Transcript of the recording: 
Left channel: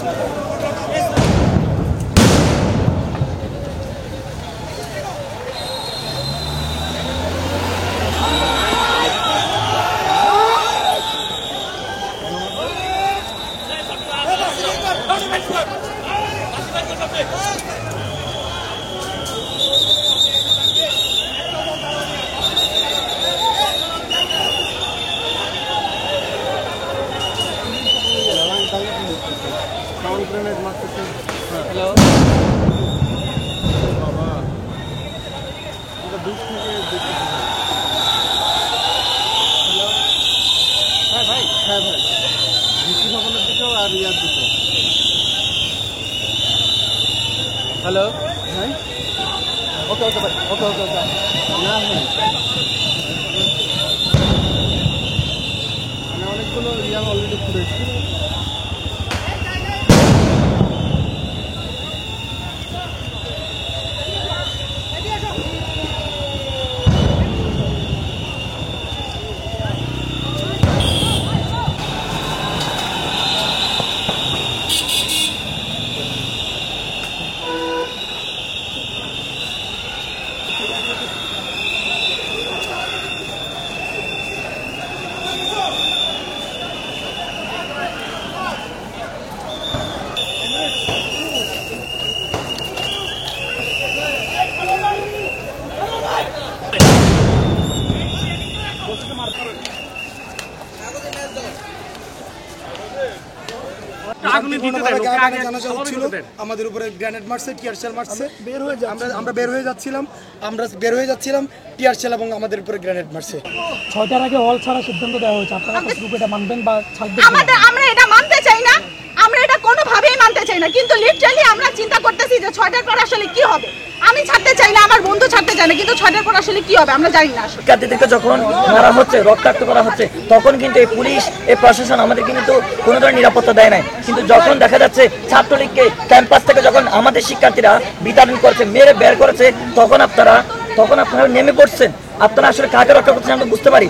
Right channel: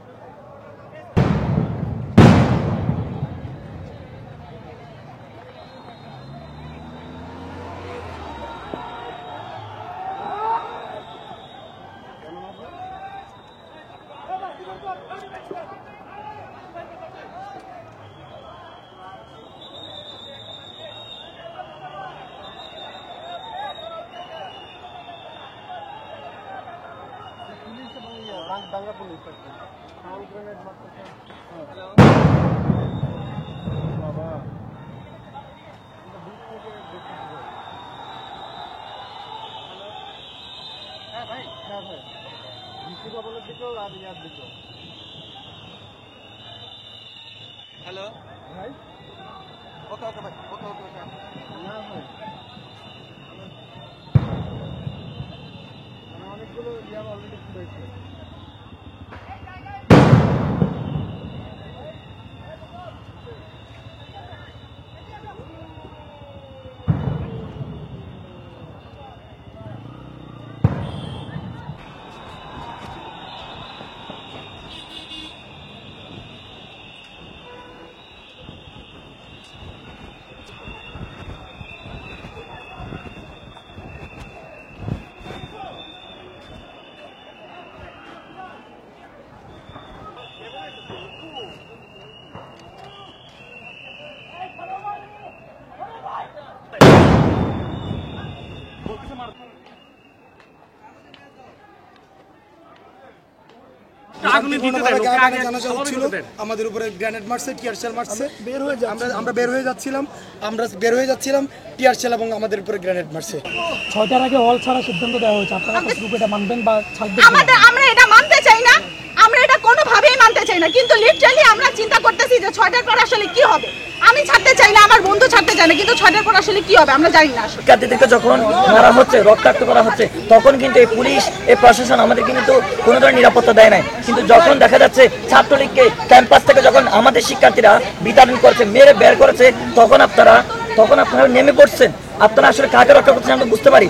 Hello भाई okay okay भाई okay okay okay ना भाई আমি অনেকগুলো ইয়াং অলরেডি ঘুরেছি আমাদের উপরে গ্রেনেড মারছে, টিয়ার শেল মারছে, আমরা বের হয়ে যাচ্ছিলাম টিয়ার শেল এবং আমাদের উপরে গ্রেনেড মারছে। 6টার আগে হল ছাড়া সিদ্ধান্ত দেওয়া হয়েছে, আপনারা কতটুকু এটা মানবেন বা ছাড়বেন? আমরা এটা মানতে চাই না, আমরা এটা কোনোভাবেই মানতে চাই না, কিন্তু লিটারালি আমরা চিন্তা করতেছি যে 6টার পর আসলে কি হবে। আমি ছাড়তে চাই না, আমার বন্ধু ছাড়তে চায় না, কিন্তু 6টার পর আসলে কি হবে আমরা জানি না। শিক্ষার্থীদেরকে যখন মারা হচ্ছে, রক্তাক্ত করা হচ্ছে, তখন কিন্তু এই পুলিশ, এই প্রশাসন আমাদের কিন্তু কোনো ধরনের নিরাপত্তা দেয় নাই। কিন্তু যখন দেখা যাচ্ছে ছাত্রলীগকে ক্যাম্পাস থেকে যখন আমাদের শিক্ষার্থীরা বিতাড়ন করেছে, মেরে বের করেছে, তখন আপনারা নেমে পড়ছেন। আপনারা আসলে কাকে রক্ষা করছেন আমরা বুঝতে পারি।